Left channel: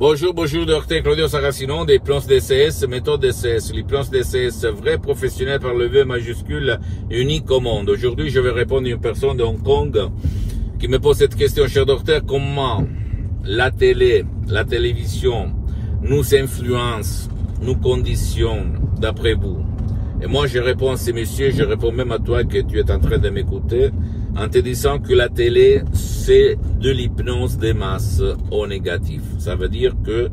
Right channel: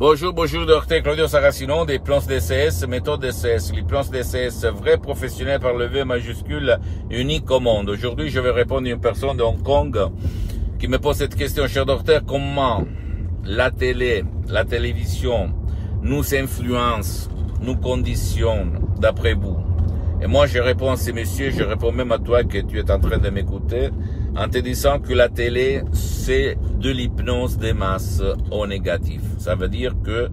Bonjour, docteur Claudio Saracino des plans DCS, méthode DCS. Les plans DCS, vrais professionnels par le V majuscule, unique au monde. Aujourd'hui, je vais répondre à une personne de Hong Kong qui me pose cette question, cher docteur, comment la télévision nous influence, nous conditionne, d'après vous? Et moi, je réponds à ces messieurs, je réponds même à toi que tu es en train de m'écouter, en te disant que la télé, c'est de l'hypnose des masses au négatif. Ça veut dire que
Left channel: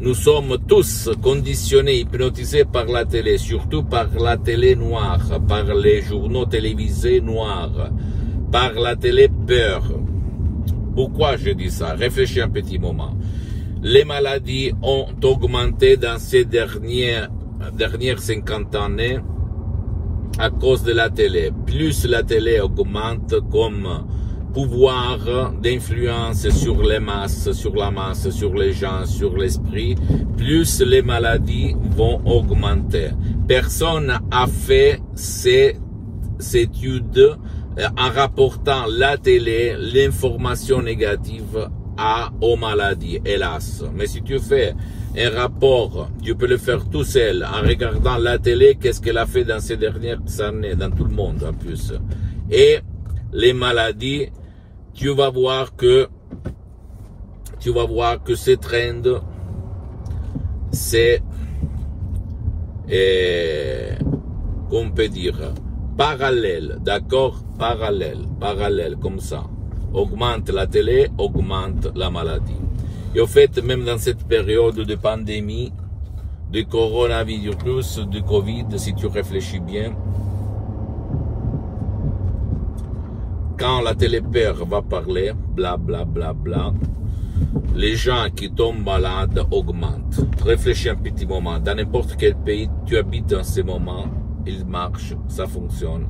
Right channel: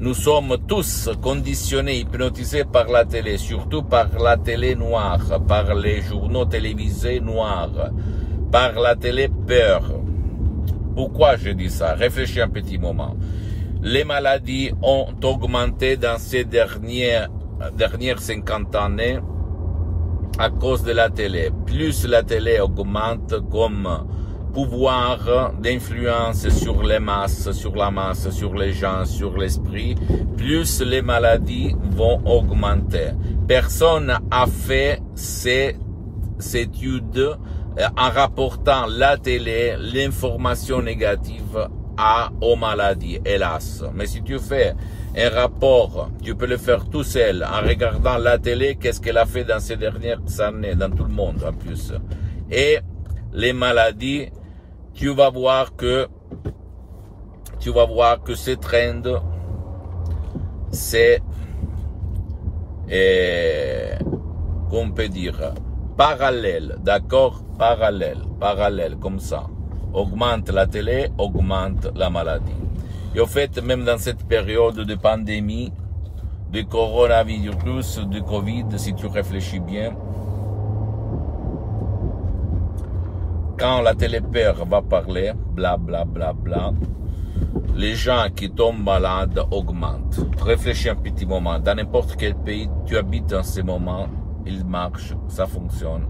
nous sommes tous conditionnés, hypnotisés par la télé, surtout par la télé noire, par les journaux télévisés noirs, par la télé peur. Pourquoi je dis ça? Réfléchis un petit moment. Les maladies ont augmenté dans ces dernières 50 années à cause de la télé. Plus la télé augmente comme pouvoir d'influence sur les masses, sur la masse, sur les gens, sur l'esprit, plus les maladies vont augmenter. Personne n'a fait ces études en rapportant la télé, l'information négative aux maladies, hélas. Mais si tu fais un rapport, tu peux le faire tout seul en regardant la télé, qu'est-ce qu'elle a fait dans ces dernières années, dans tout le monde en plus. Et les maladies, tu vas voir que ce trend, c'est, qu'on peut dire, parallèle, d'accord? Parallèle, comme ça. Augmente la télé, augmente la maladie. Et au fait, même dans cette période de pandémie, de coronavirus, de Covid, si tu réfléchis bien, quand la télé-peur va parler, bla bla bla bla, les gens qui tombent malades augmentent. Réfléchis un petit moment. Dans n'importe quel pays tu habites en ce moment, il marche, ça fonctionne.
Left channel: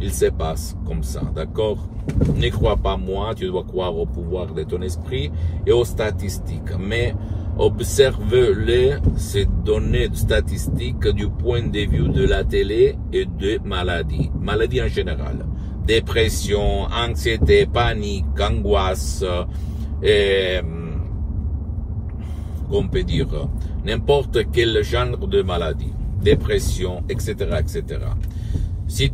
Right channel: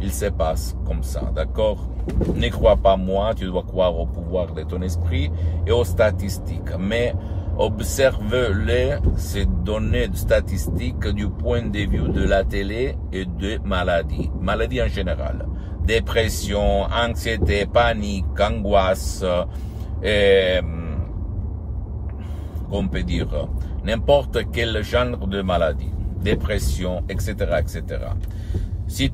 Il se passe comme ça, d'accord? Ne crois pas moi, tu dois croire au pouvoir de ton esprit et aux statistiques. Mais observe-les, ces données statistiques du point de vue de la télé et de maladies. Maladies en général. Dépression, anxiété, panique, angoisse, on peut dire, n'importe quel genre de maladie. Dépression, etc., etc. Si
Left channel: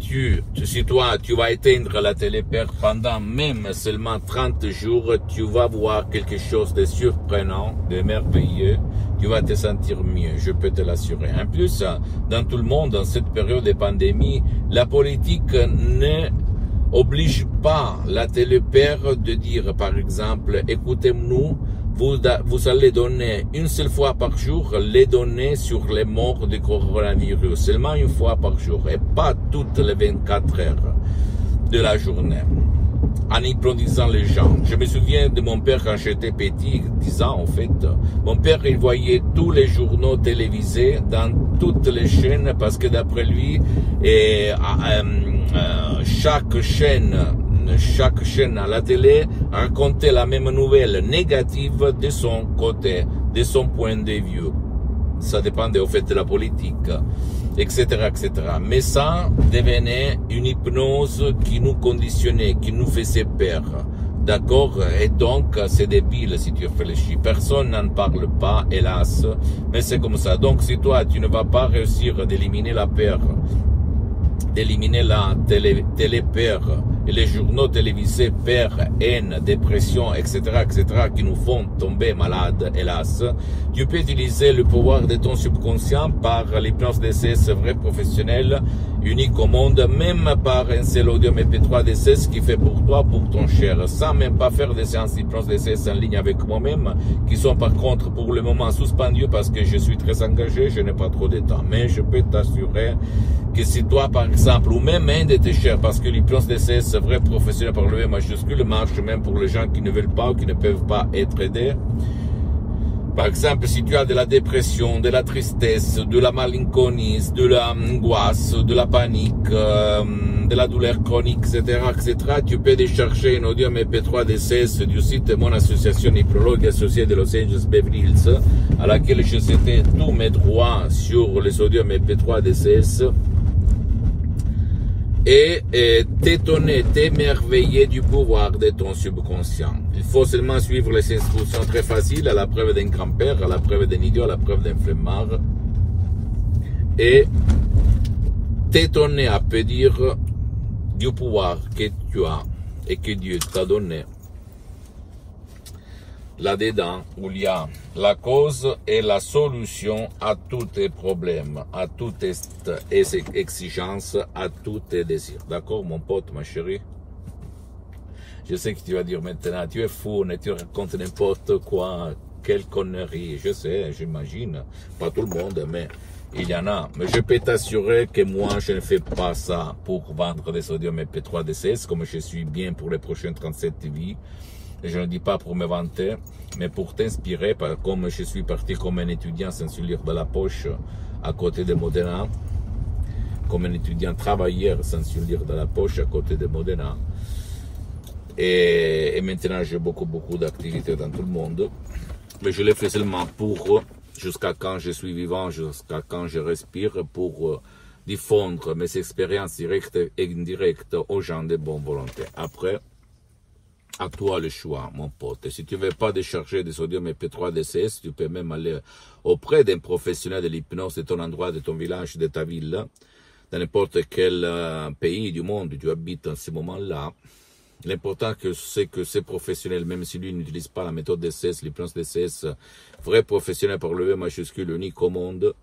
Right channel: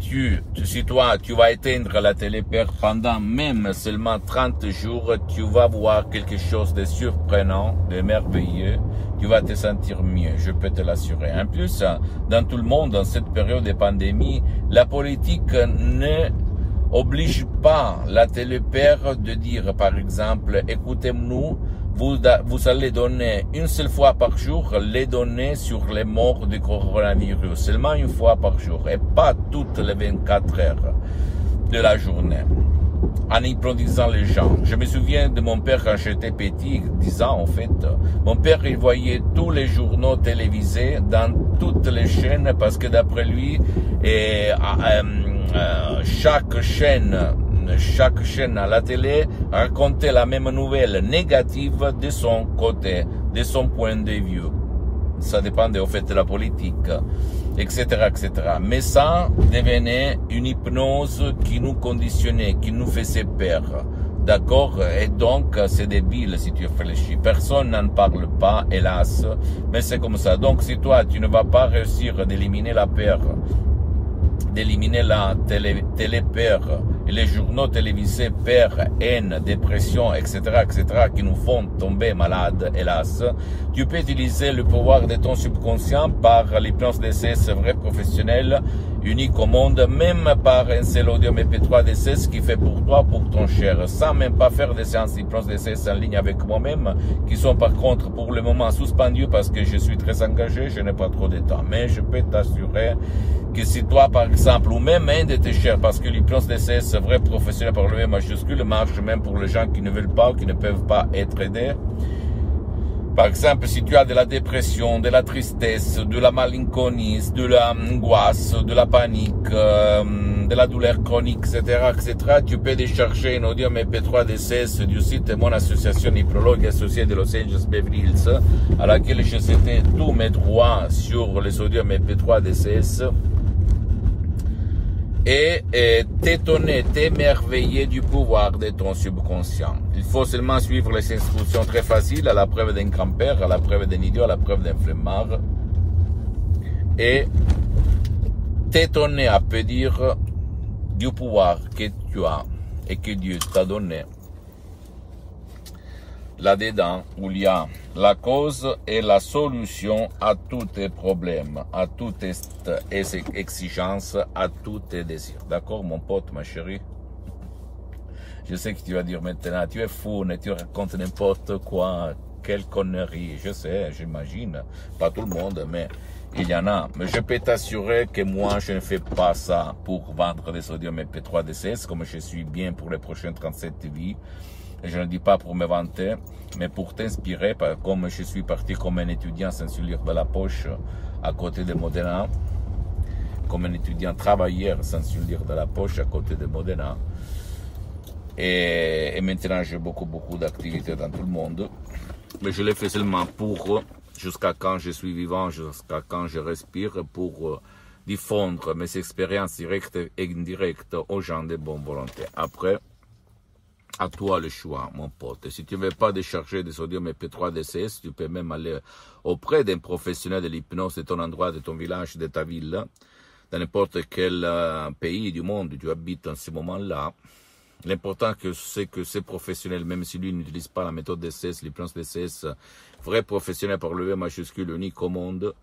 toi, tu vas éteindre la télé-peur pendant même seulement 30 jours, tu vas voir quelque chose de surprenant, de merveilleux. Tu vas te sentir mieux, je peux te l'assurer. En plus, dans tout le monde, dans cette période de pandémie, la politique ne oblige pas la télé-peur de dire, par exemple, écoutez-nous, vous allez donner une seule fois par jour les données sur les morts du coronavirus, seulement une fois par jour, et pas toutes les 24 heures de la journée, en hypnotisant les gens. Je me souviens de mon père quand j'étais petit, 10 ans en fait, mon père il voyait tous les journaux télévisés dans toutes les chaînes, parce que d'après lui, chaque chaîne à la télé racontait la même nouvelle négative de son côté, de son point de vue. Ça dépendait au fait de la politique, etc., etc. Mais ça devenait une hypnose qui nous conditionnait, qui nous faisait peur. D'accord? Et donc, c'est débile si tu réfléchis. Personne n'en parle pas, hélas. Mais c'est comme ça. Donc, si toi, tu ne vas pas réussir d'éliminer la peur, d'éliminer la télé-peur et les journaux télévisés peur, haine, dépression, etc., etc., qui nous font tomber malades, hélas, tu peux utiliser le pouvoir de ton subconscient par l'hypnose DCS vrai professionnel, unique au monde, même par un seul audio MP3 DCS qui fait pour toi, pour ton cher, sans même pas faire des séances d'hypnose DCS en ligne avec moi-même, qui sont par contre pour le moment suspendues parce que je suis très engagé, je n'ai pas trop de temps. Mais je peux t'assurer que si toi, par exemple, ou même un de tes chers, parce que l'hypnose DCS vrai professionnel par le M majuscule marche même pour les gens qui ne veulent pas ou qui ne peuvent pas être aidés. Par exemple, si tu as de la dépression, de la tristesse, de la malinconie, de l'angoisse, de la panique, de la douleur chronique, etc., etc., tu peux décharger un audio MP3 DCS du site de mon association hypnologue associée de Los Angeles Beverly Hills, à laquelle je cédais tous mes droits sur les audios MP3 DCS. et t'étonner, t'émerveiller du pouvoir de ton subconscient. Il faut seulement suivre les instructions très faciles, à la preuve d'un grand-père, à la preuve d'un idiot, à la preuve d'un flemmard, et t'étonner à peu dire du pouvoir que tu as et que Dieu t'a donné. Là-dedans, où il y a la cause et la solution à tous tes problèmes, à toutes tes exigences, à tous tes désirs. D'accord, mon pote, ma chérie? Je sais que tu vas dire maintenant, tu es fou, tu racontes n'importe quoi, quelle connerie. Je sais, j'imagine, pas tout le monde, mais il y en a. Mais je peux t'assurer que moi, je ne fais pas ça pour vendre des audios MP3 DCS, comme je suis bien pour les prochaines 37 vies. Je ne dis pas pour me vanter, mais pour t'inspirer, comme je suis parti comme un étudiant sans se lire de la poche à côté de Modena, comme un étudiant travailleur sans se lire de la poche à côté de Modena. Et maintenant, j'ai beaucoup d'activités dans tout le monde. Mais je le fais seulement pour, jusqu'à quand je suis vivant, jusqu'à quand je respire, pour diffondre mes expériences directes et indirectes aux gens de bonne volonté. Après, à toi le choix, mon pote. Et si tu ne veux pas décharger des audios MP3 DCS, tu peux même aller auprès d'un professionnel de l'hypnose de ton endroit, de ton village, de ta ville, dans n'importe quel pays du monde où tu habites en ce moment-là. L'important c'est que ces professionnels, même si lui n'utilise pas la méthode DCS, l'hypnose DCS, vrai professionnel par le V majuscule unique au monde,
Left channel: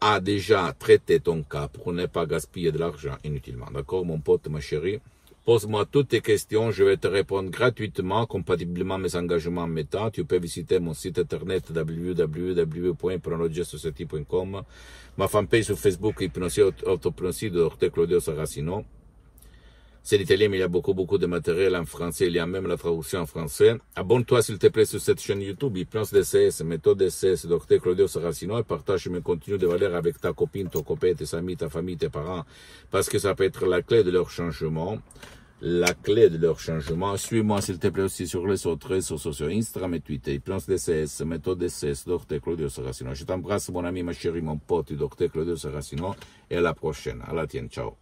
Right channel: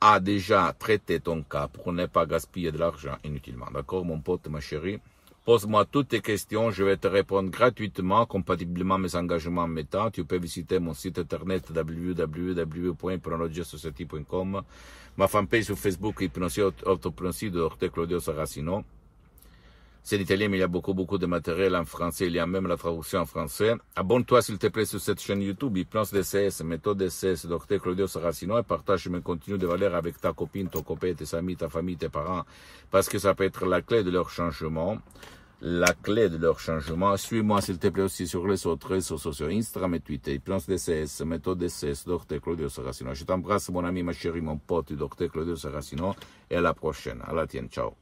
a déjà traité ton cas pour ne pas gaspiller de l'argent inutilement. D'accord, mon pote, ma chérie? Pose-moi toutes tes questions, je vais te répondre gratuitement, compatiblement à mes engagements méta. Tu peux visiter mon site internet www.hypnologiasociety.com, ma fanpage sur Facebook, Hypnosie Autopnosie, Dr Claudio Saracino. C'est l'italien, mais il y a beaucoup de matériel en français, il y a même la traduction en français. Abonne-toi s'il te plaît sur cette chaîne YouTube, Hypnose DCS, méthode DCS, Dr Claudio Saracino, et partage mes contenus de valeur avec ta copine, ton copain, tes amis, ta famille, tes parents, parce que ça peut être la clé de leur changement. La clé de leur changement. Suis-moi s'il te plaît aussi sur les autres réseaux sociaux, Instagram et Twitter, Hypnose DCS, méthode DCS, Dr Claudio Saracino. Je t'embrasse mon ami, ma chérie, mon pote, Dr Claudio Saracino, et à la prochaine. À la tienne, ciao.